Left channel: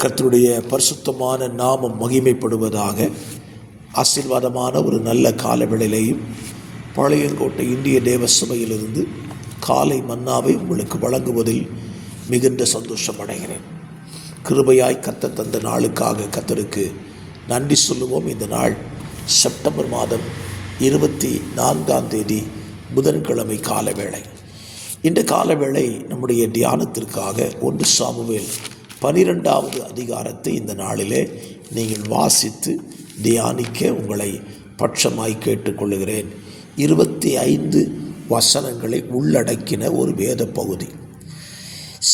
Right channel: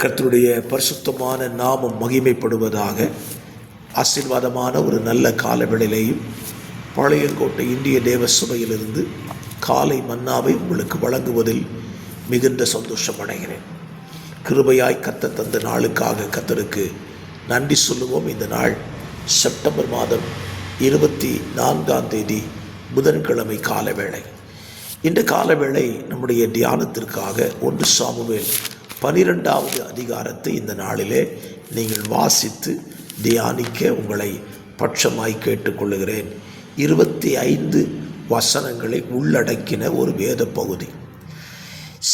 கர்த்தருடைய பரிசுத்தமான நாமம் மகிமைப்படுவதாக. ஆசீர்வாதமான ஒரு நல்ல காலவேளையிலேயும் பாளையங்கோட்டை இந்திய தேவ சபையிலிருந்து காலை மன்னாவை உங்களுக்கு வழங்குவதில் மிகுந்த சந்தோஷம் அடைகிறேன். கிருபையாய் கர்த்தர் தந்த நாளுக்காக கர்த்தருக்கு நன்றி சொல்லுவோம். இந்த நாள் செப்டம்பர் மாதம் 24 புதன்கிழமை காலவேளை. இந்த காலவேளை நம்முடைய தியானத்திற்காக 1 சாமுவேல் 12வது அதிகாரத்தை இந்த நாளிலே நீங்கள் வாசித்து தியானிக்க உங்களை பட்சமாய் கேட்டுக்கொள்ளுகிறேன். 25 வசனங்களை உள்ளடக்கின ஒரு வேத பகுதி.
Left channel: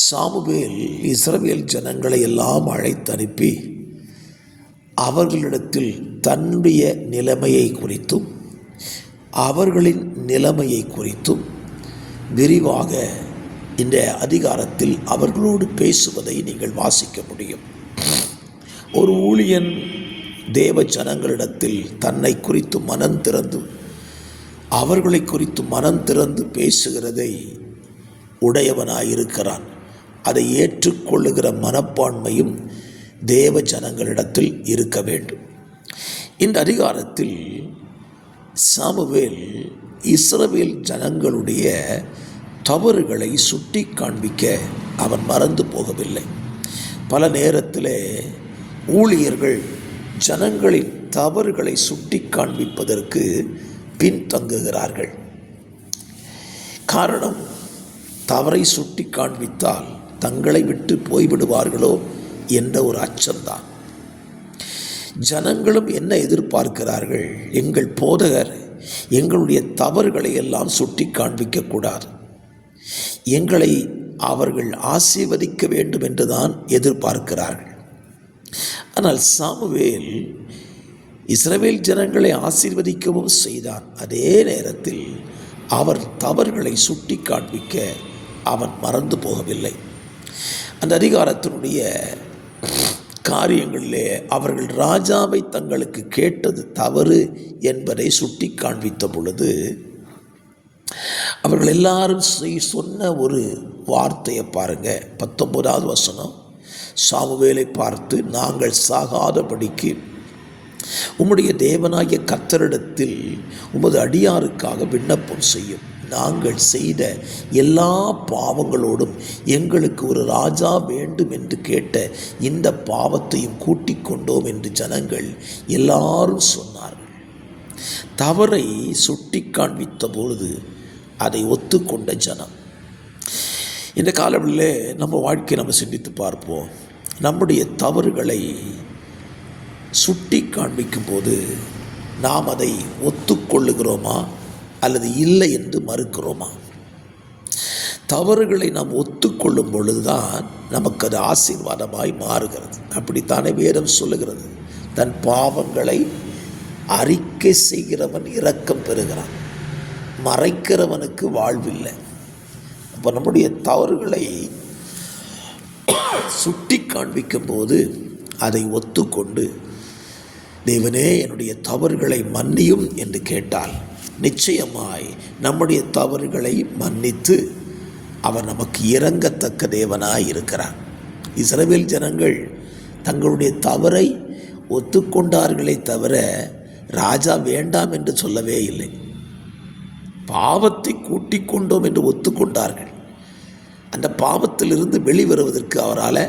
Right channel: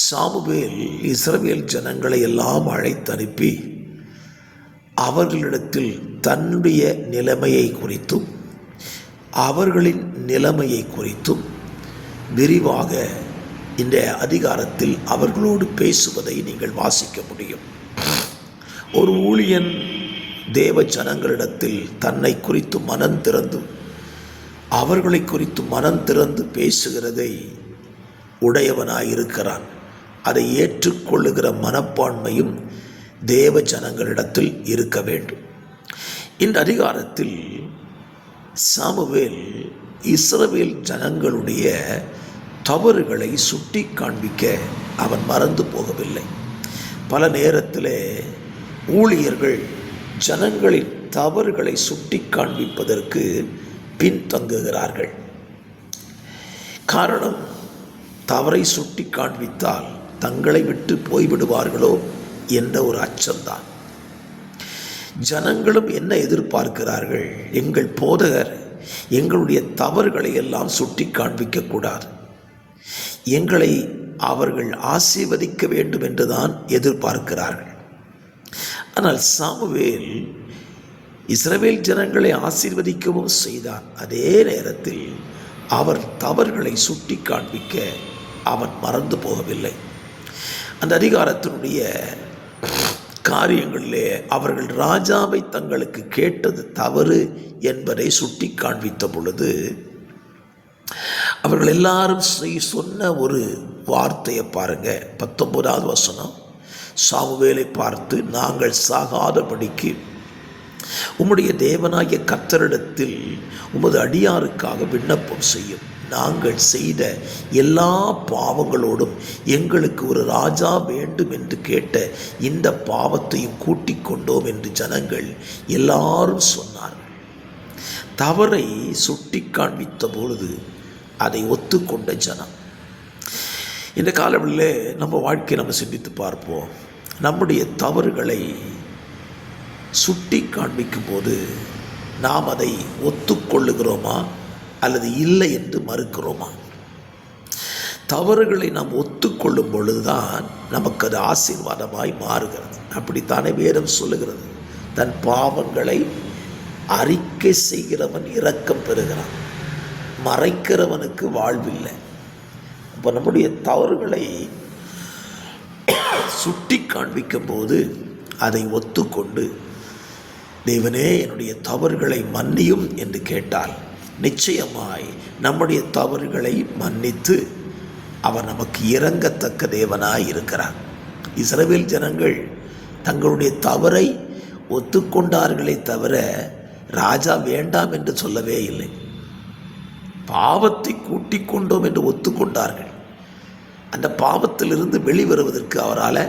சாமுவேல் இஸ்ரவேல் ஜனங்களை எல்லாம் அழைத்தனுப்பி அவர்களிடத்தில் தன்னுடைய நிலைமையை குறித்தும் அவர்களின் நிலைமையை குறித்தும் விரிவாக இந்த அதிகாரத்தில் அவர்களோடு பேசுவதை நீங்கள் வாசிக்க முடியும். ஒரு ஊழியன் தேவ ஜனங்களிடத்தில் தன்னை குறித்து மனம் திறந்து அவர்களை குறித்து மனம் திறந்து பேசுகிறதை உடையவனாயிருக்கிறான். அதை ஏற்றுக்கொள்ளுகிற மனப்பான்மையும் தேவ ஜனங்களிடத்தில் இருக்க வேண்டும். இந்த அதிகாரத்தில் சாமுவேல் இஸ்ரவேல் ஜனங்களுடைய தவறுகளை சுட்டி காண்பிக்க அவன் மறந்து போகவில்லை. பல நேரத்தில் ஊழியர்கள் ஜனங்களின் தவறுகளை சுட்டி காண்பிப்பதற்கு பின்தங்குகிறார்கள். காரணம், தவறை சுட்டி காண்பித்தால் தங்களை விட்டு போய்விடுவார்களோ என்ற ஒரு அச்சம்தான். ஜனங்களும் என்ன எதிர்பார்க்கிறார்கள்? எங்கள் போதகர் எங்களுடைய தவறுகளை எல்லாம் சுட்டி காண்பிக்கக்கூடாது, எங்களை அவர்கள் ஆசீர்வதிக்க வேண்டும் என்றுதான் எதிர்பார்க்கிறார்கள். ஆனால் சாமுவேல் இஸ்ரவேல் ஜனங்களை ஆசீர்வதிக்கவும் செய்தான். அதே நேரத்தில் அவர் தவறுகளை சுட்டி காண்பிக்க அவன் மறந்து போகவில்லை. அந்த அதிகாரத்தினுடைய காரியங்களிலே அவர்கள் ராஜாவை தங்களுக்கு கேட்டது தவறு என்பதை சுட்டி காண்பித்த பொழுது அவர்கள் எல்லாரும் சொன்ன ஒரு வார்த்தையை பாருங்க. 19வது வசனம். சாமுவேலை பார்த்து, நாங்கள் சாகாதபடிக்கு உம்முடைய தேவனாகிய கர்த்தரிடத்தில் உமது அடியாருக்காக விண்ணப்பம் செய்யும். நாங்கள் செய்த எல்லா பாவங்களோடும் எங்களுக்கு ஒரு ராஜா வேண்டும் என்று கேட்ட இந்த பாவத்தையும் கூட்டிக் கொண்டோம் என்று ஜனங்கள் எல்லாரும் சொன்னார்கள். தவறை சுட்டி காண்பித்த பொழுது அதை ஒத்துக்கொண்ட ஜனம். இந்த காலங்களில் நம்ம வாழ்க்கையை நம்ம சிந்தித்து பார்ப்போம். நம்முடைய தவறுகளை சுட்டி காண்பிக்கும் போது நாம் அதை ஒத்துக்கொள்ளுகிறோமா அல்லது இல்லை என்று மறுக்கிறோமா? தவறுகளை நாம் ஒத்துக்கொள்ளும் பொழுதுதான் நமக்கு அது ஆசீர்வாதமாய் மாறுகிறது. அப்படித்தானே வேதம் சொல்லுகிறது, தன் பாவங்களை அறிக்கை செய்கிறவன் இரக்கம் பெறுகிறான், மறைக்கிறவனுக்கு வாழ்வில்லை. அப்போ நம்முடைய தவறுகளை சுட்டி காண்பிக்கும் போது அதை ஒத்துக்கொண்டு, தேவனே என்னுடைய தவறுகளை மன்னியும் என்று கேட்டால் நிச்சயமாய் நம்முடைய தவறுகளை மன்னித்து அவர் நமக்கு இரங்கத்தக்க தேவனாய் இருக்கிறார். இஸ்ரவேல் ஜனங்கள் தங்களுடைய தவறை ஒத்துக்கொண்டார்களே தவிர ராஜா வேண்டாம் என்று சொல்லவே இல்லை. பாவத்தை கூட்டிக் கொண்டோம் என்று ஒத்துக்கொண்டார்கள். அந்த பாவத்திலிருந்து வெளிவருவதற்கு அவரால்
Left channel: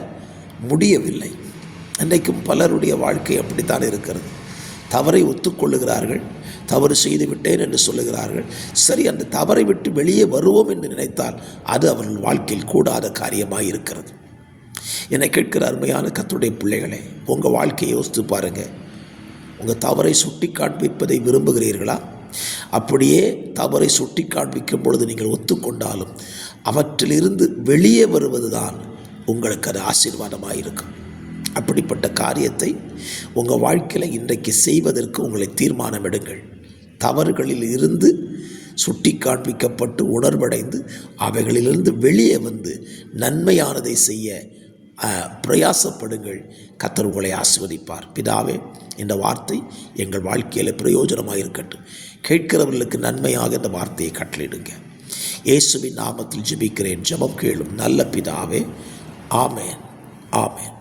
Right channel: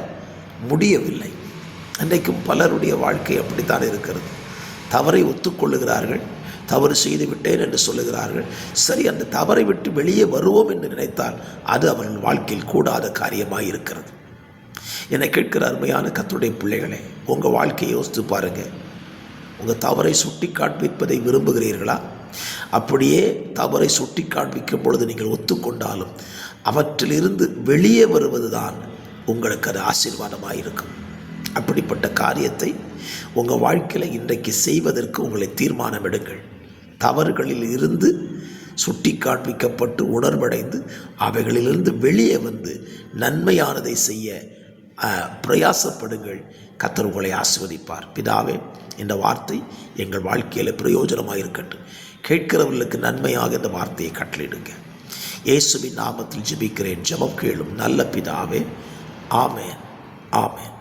முடியவில்லை. இன்றைக்கும் பலருடைய வாழ்க்கை அப்படித்தான் இருக்கிறது. தவறை ஒத்துக்கொள்ளுகிறார்கள், தவறு செய்து விட்டேன் என்று சொல்லுகிறார்கள். சரி, அந்த தவறை விட்டு வெளியே வருவோம் என்று நினைத்தால் அது அவர்கள் வாழ்க்கையில் கூடாத காரியமாக இருக்கிறது. என்னை கேட்கிற அருமையான கர்த்தருடைய பிள்ளைகளே, உங்கள் வாழ்க்கையை யோசித்து பாருங்கள். உங்கள் தவறை சுட்டி காண்பிப்பதை விரும்புகிறீர்களா? அப்படியே தவறை சுட்டி காண்பிக்கும் பொழுது நீங்கள் ஒத்துக்கொண்டாலும் அவற்றிலிருந்து வெளியே வருவதுதான் உங்களுக்கு அது ஆசீர்வாதமாக இருக்கும். அப்படிப்பட்ட காரியத்தை உங்கள் வாழ்க்கையில் இன்றைக்கு செய்வதற்கு உங்களை தீர்மானம் எடுங்கள். தவறுகளில் இருந்து சுட்டி காண்பிக்கப்பட்டு உணர்வடைந்து அவைகளிலிருந்து வெளியே வந்து நன்மையானதை செய்ய பிரயாசப்படுங்கள். கர்த்தர் உங்களை ஆசீர்வதிப்பார். பிதாவே, இந்த வார்த்தை எங்கள் வாழ்க்கையில் பிரயோஜனமாக இருக்கட்டும். கேட்கிறவர்களுக்கு நன்மையாக இந்த வார்த்தையை கட்டளையிடுங்க. இயேசுவின் நாமத்தில் ஜெபிக்கிறேன். ஜெபம் கேளும் நல்ல பிதாவே. ஆமேன், ஆமேன்.